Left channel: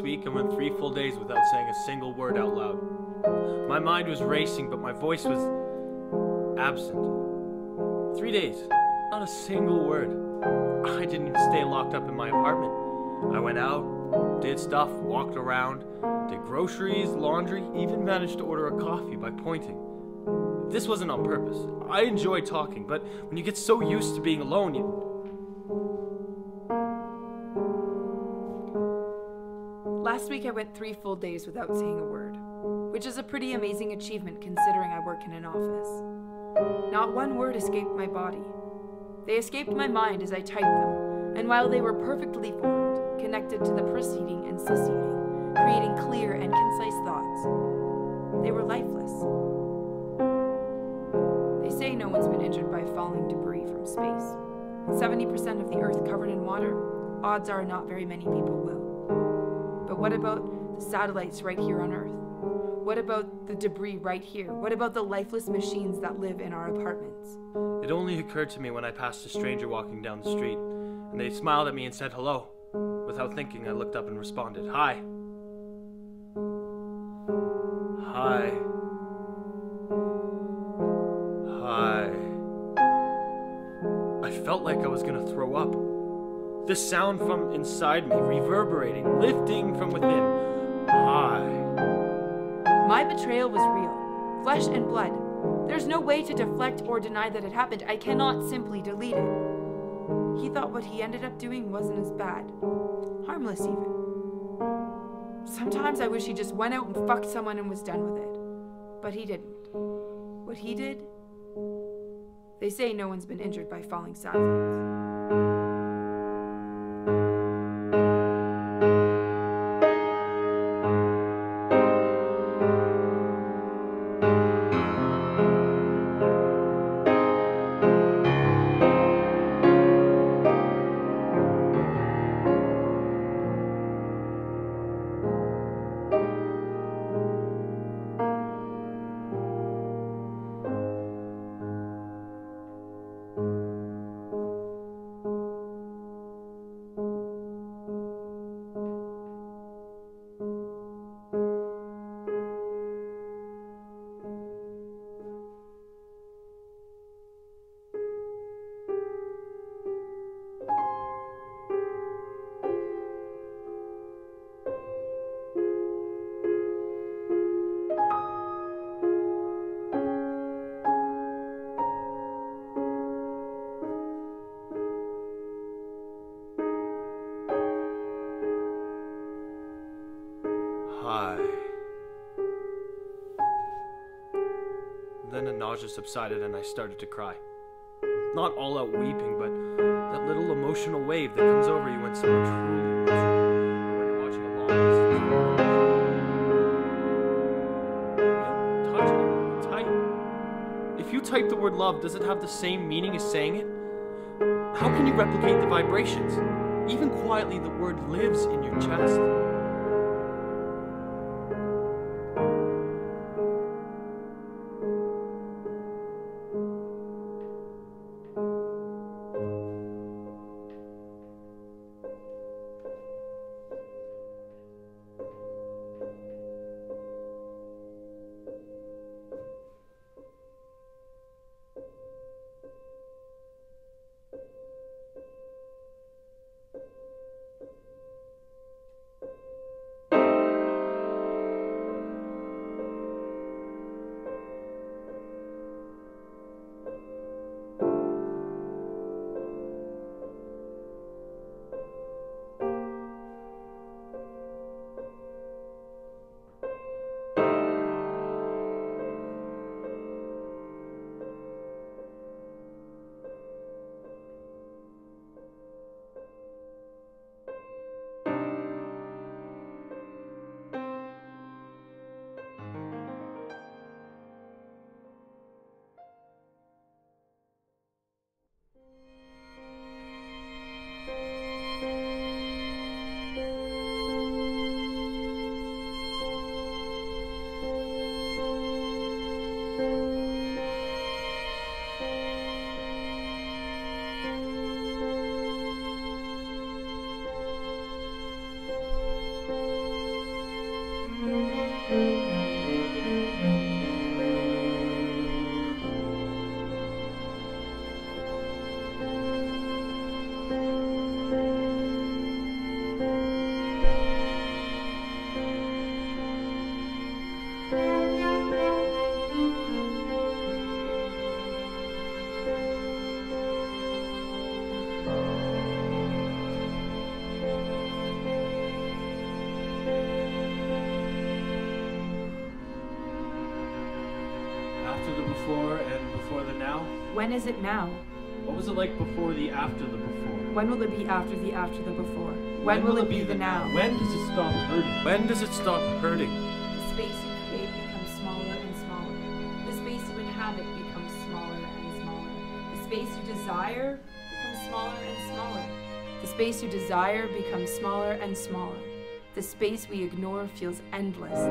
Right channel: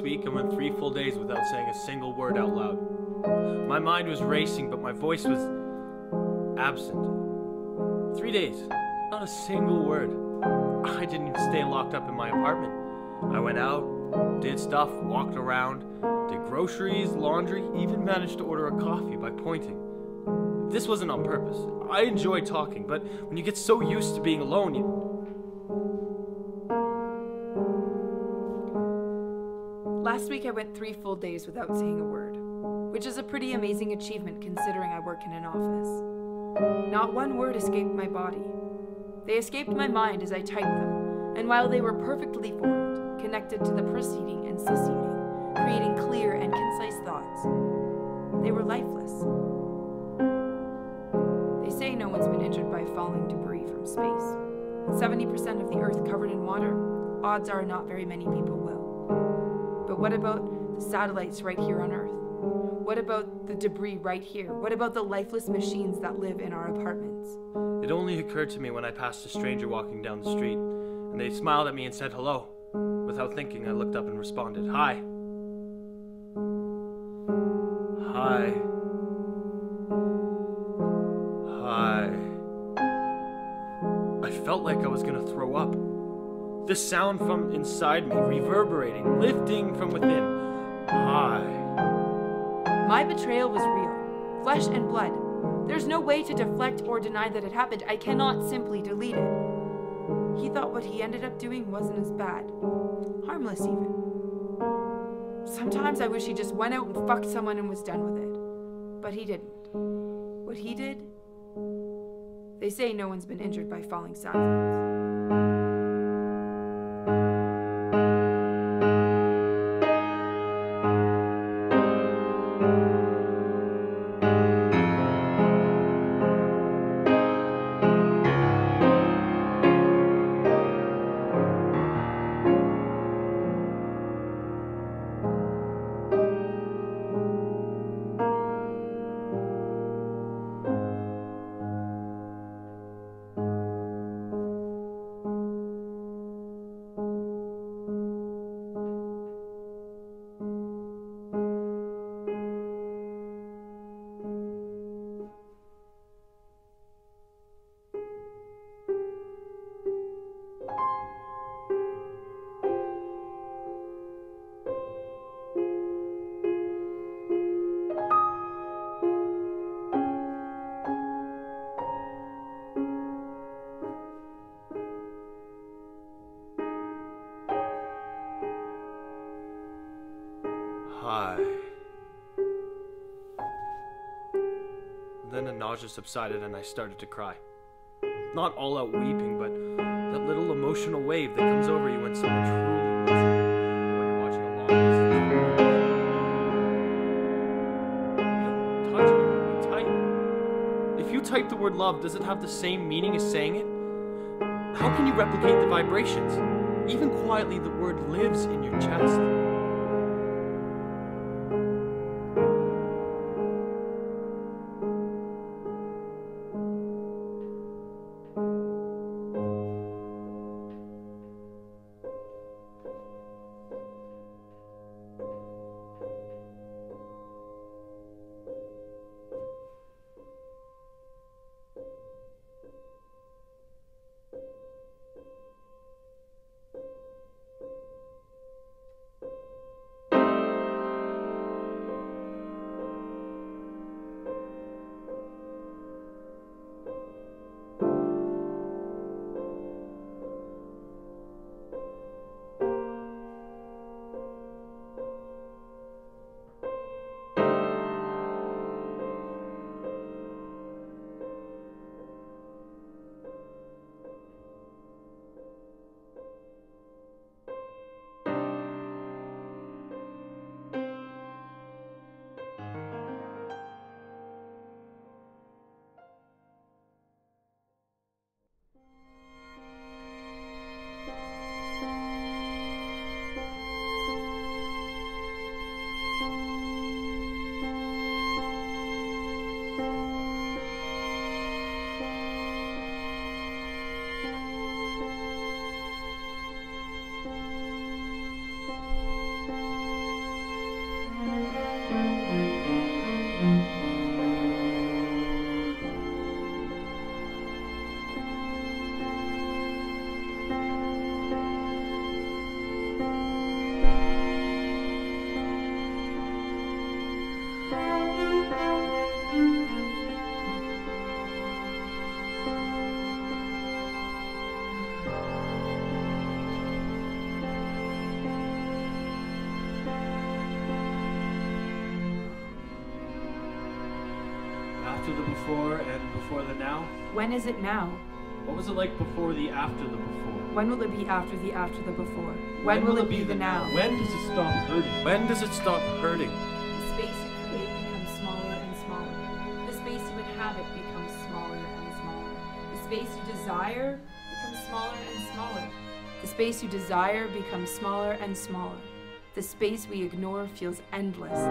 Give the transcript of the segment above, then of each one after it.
Last week, I went 3 full days without saying a single word out loud. My mind was racing, but my voice was absent. 3 days, not a single word. I didn't even stay locked up in my apartment. I went out, did stuff, walked around, did groceries, laundry, even managed to order a coffee by pointing. This wasn't on purpose. I enjoy talking, but when you get so used to being alone, Last week I went 3 full days without saying a word, which is a pretty amazing achievement considering I work in an office. Not one word escaped my body. They escaped my mind as I typed them, and while they were perfectly formed, connected to the preceding and succeeding, creating clear and concise thoughts, they were lifeless. They say no one's been injured by falling debris from space. With 70% of the Earth covered in water, odds are not very many people will. But what about the satellites right here on Earth? What about the debris right here? What about the lifeless machines that live in our apartments? It only occurred to me when I passed a stranger walking down the street, and they smiled at me and said hello. Without thinking, I looked up and responded, "Hi." Hi. Hi. I felt like I was gonna throw up. The sound from inside me, reverberating, lifting from within. Hi. My betrayal was real, flesh and blood. There's no way to deflect or deny that it happened. I cannot simply delete it. He thought what he ended up doing wasn't as bad. Harmless even. Sometimes I wish he just went out and fucked someone and was done with it. But he didn't. What he did? They say no one's been injured by falling satellites. Hi. Then the nausea subsided and I started to cry. Not all out weeping, but that little emotional wave that comes over you when someone truly loves you, or when you're watching a long distance. We don't touch anymore, we type. If you type the word love, does it have the same meaning as saying it? How can you replicate the vibrations? Even quietly, the word lives in your chest. After the before and before the now? When is it now? What was it like before the after the before? When will it be after the before? When will it be the now? When does it stop hurting? When does it stop hurting? The space you create becomes smaller and smaller. The space you inhabit becomes smaller and smaller. The space you desire becomes smaller and smaller. The space you desire becomes smaller and smaller. The space we ignore feels endless.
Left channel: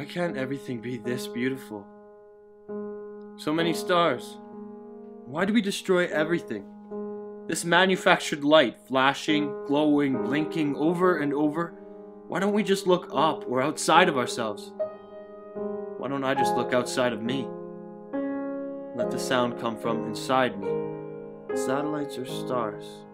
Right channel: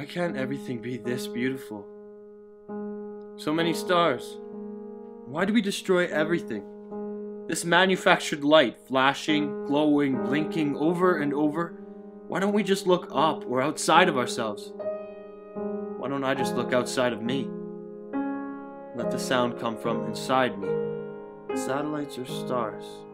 Why can't everything be this beautiful? So many stars. Why do we destroy everything? This manufactured light, flashing, glowing, blinking over and over. Why don't we just look up or outside of ourselves? Why don't I just look outside of me? Let the sound come from inside me. Satellites or stars?